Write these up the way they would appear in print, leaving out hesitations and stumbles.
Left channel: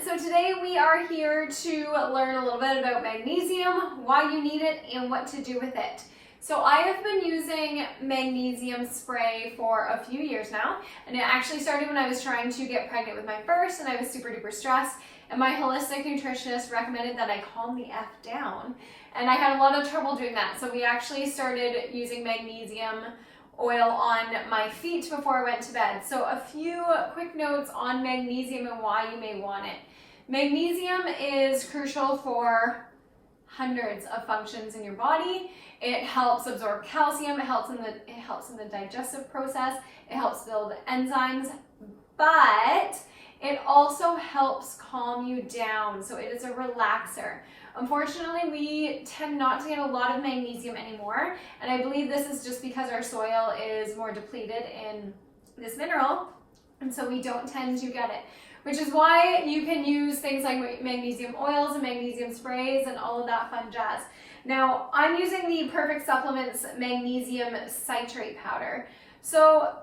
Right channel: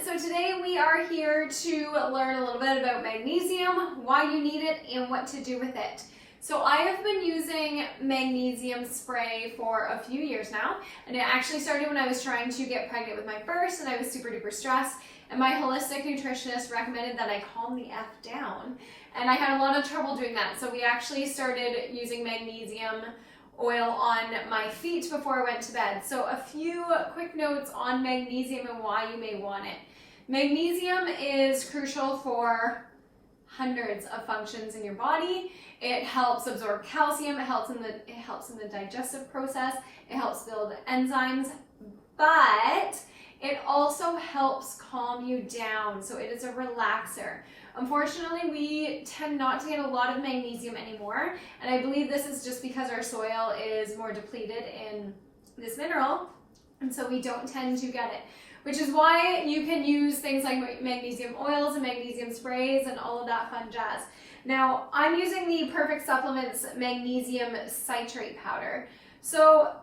So today we are here to learn a little bit about magnesium, why you need it, and what to do with it. So I have been using magnesium spray for a few years now, and it actually started when I was trying to get pregnant with my first, and I was super duper stressed, and my holistic nutritionist recommended that I calm the F down, and I had a lot of trouble doing that. So we actually started using magnesium oil on my feet before I went to bed. So a few quick notes on magnesium and why you may want it. Magnesium is crucial for hundreds of functions in your body. It helps absorb calcium, it helps in the digestive process, it helps build enzymes, but it also helps calm you down. So it is a relaxer. Unfortunately, we tend not to get a lot of magnesium anymore, and I believe this is just because our soil is more depleted in this mineral, and so we don't tend to get it, which is why you can use things like magnesium oils and magnesium sprays and all of that fun jazz. Now, I'm using the Perfect Supplements magnesium citrate powder. So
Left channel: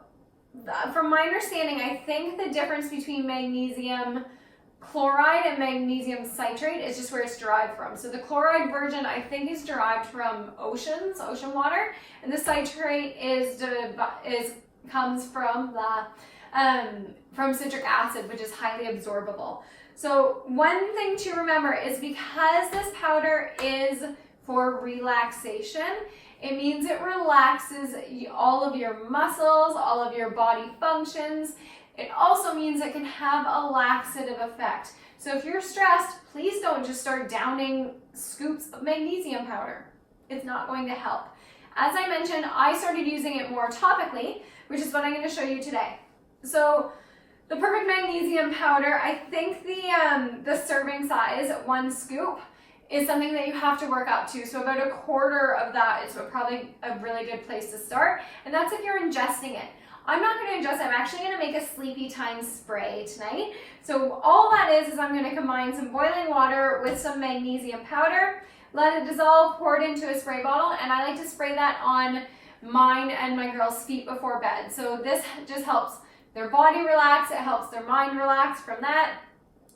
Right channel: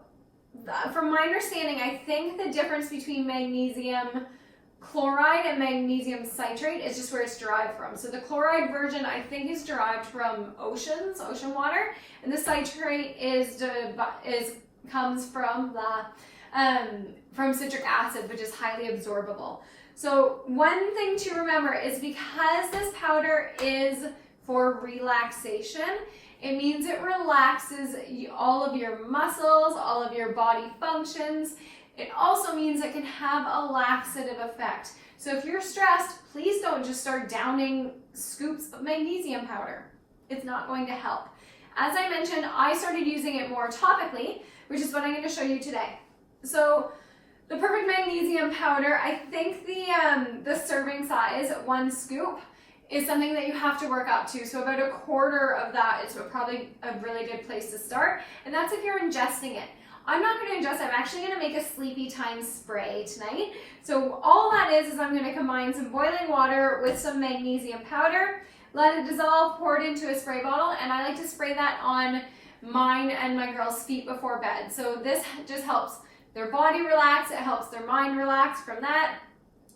from my understanding, I think the difference between magnesium chloride and magnesium citrate is just where it's derived from. So the chloride version, I think, is derived from ocean water, and the citrate comes from from citric acid, which is highly absorbable. So one thing to remember is because this powder is for relaxation, it means it relaxes all of your muscles, all of your body functions. It also means it can have a laxative effect. So if you're stressed, please don't just start downing scoops of magnesium powder. It's not going to help. As I mentioned, I started using it more topically, which is what I'm going to show you today. So the Perfect Magnesium powder, I think the serving size, 1 scoop, is something that you have to work up to. So about 1/4 of that is probably a really good place to start. And that's if you're ingesting it. I'm not going to ingest, I'm actually going to make a sleepy time spray tonight. So all that is I'm going to combine some boiling water with some magnesium powder, let it dissolve, pour it into a spray bottle, and I like to spray that on mine and my girls' feet before bed. So this just helps their body relax, it helps their mind relax from that,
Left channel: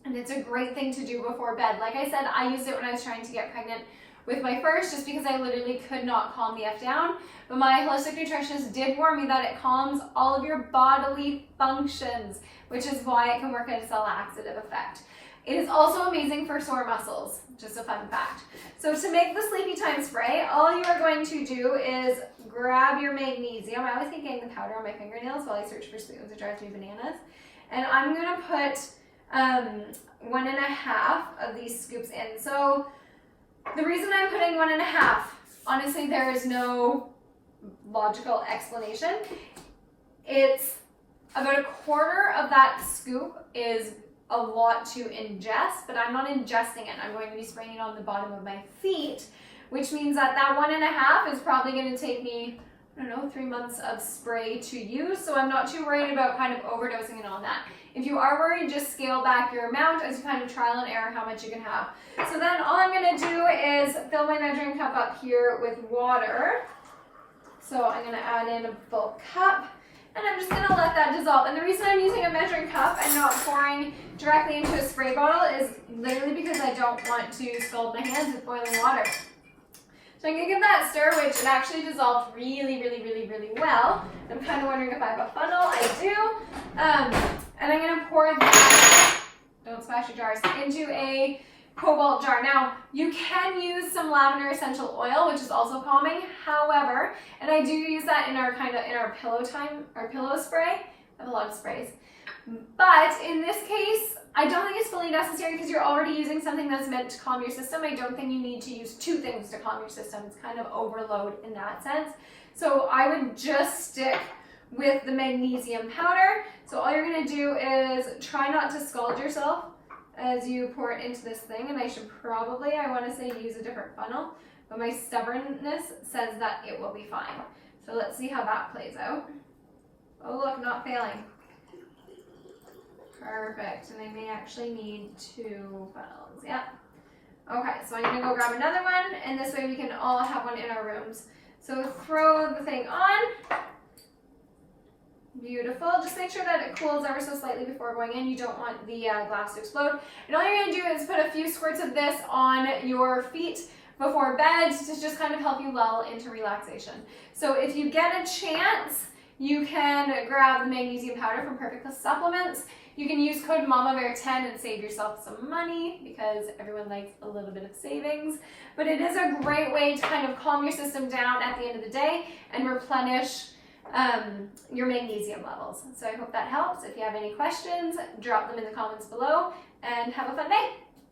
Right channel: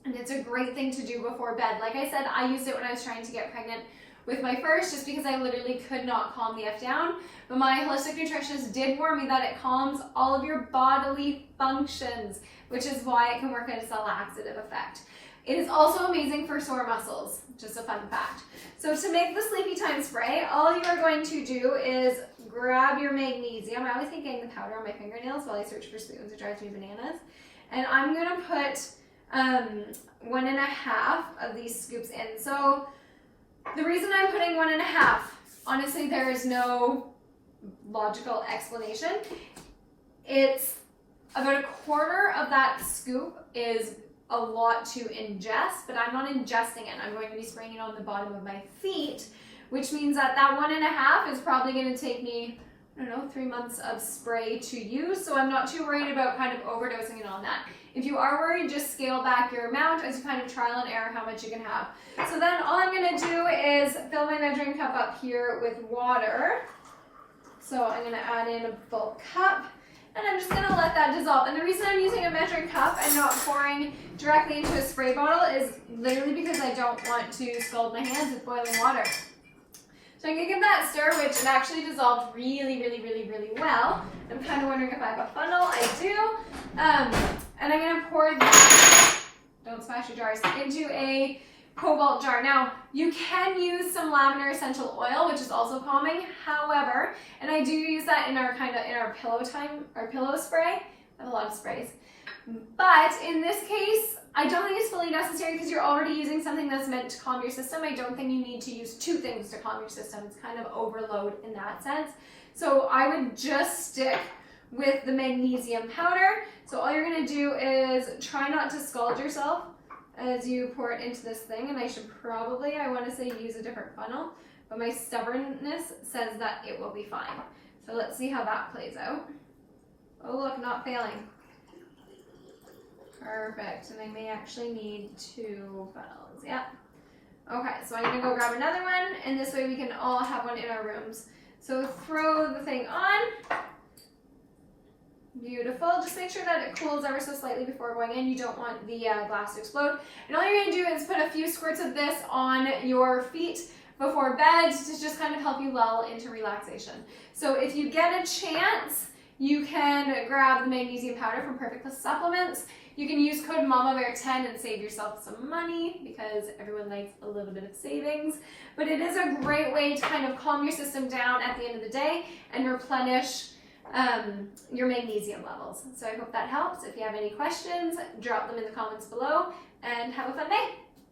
and it's a great thing to do before bed. Like I said, I used it when I was trying to get pregnant with my first, just because I literally could not calm the F down. But my holistic nutritionist did warn me that it calms all of your bodily functions, which is why it can work as a laxative effect. It is also amazing for sore muscles, just a fun fact. So to make the sleepy time spray, all you are going to do is grab your magnesium. I always keep getting the powder on my fingernails while I search for spoons. It drives me bananas. And I'm gonna put 1.5 of these scoops in. So the reason I'm putting 1.5, honestly, there is no logical explanation. It's about 1/4 of that scoop is a lot to ingest, but I'm not ingesting it. I'm going to be spraying it on the bottom of my feet, which means that 1.5 is probably going to take me, I don't know, 3 months of spray to use. So I'm not too worried about kind of overdosing and all that. If you are worried, just scale back your amount as you kind of trial and error how much you can have. So then all I'm going to do is fill my measuring cup up here with water. So I'm going to add in a full cup, and I'm just going to let that dissolve. And the reason I'm using a measuring cup and not pouring directly into a spray bottle is literally because I don't want to scald my hands with boiling water. So I'm going to give that a stir, which it actually dissolved really, really, really, really well. I'm kind of wondering if I have a funnel. I do. And I'm going to pour that, don't smash your jars, into a cobalt jar. Now, you can use some lavender essential oil, which is also calming. However, and I do use that in our pillow spray. I have a lot of sprays. But in this case, I don't think it's fully necessary because you're already using something that's meant to calm your system. I don't think you need to use 2 things to calm your system. It's kind of overload in that sense. So I would just stick with the magnesium powder. So all you're going to do is try not to scald yourself as you pour it into this thing. And I should probably, I want to say, use a different funnel, but my stubbornness says that it will be fine. So let's see how that plays out. Oh look, not failing. Perfect, and I may actually need 2 funnels, yep. Okay, so I'm gonna go grab another one, and this way we can all have one in our rooms. So throw the thing on. Beautiful. Just make sure that it cools ever so slightly before going in. You don't want the glass to explode. And all you're going to do is put a few squirts of this on your feet before bed to just kind of help you lull into relaxation. So if you get a chance, you can grab the magnesium powder from Perfect Supplements. You can use code MAMABEAR10 and save yourself some money because everyone likes a little bit of savings. But it is a great way to kind of calm your system down at the end of the day and replenish your magnesium levels. So I hope that helps. If you have any questions, drop them in the comments below and have a fun day.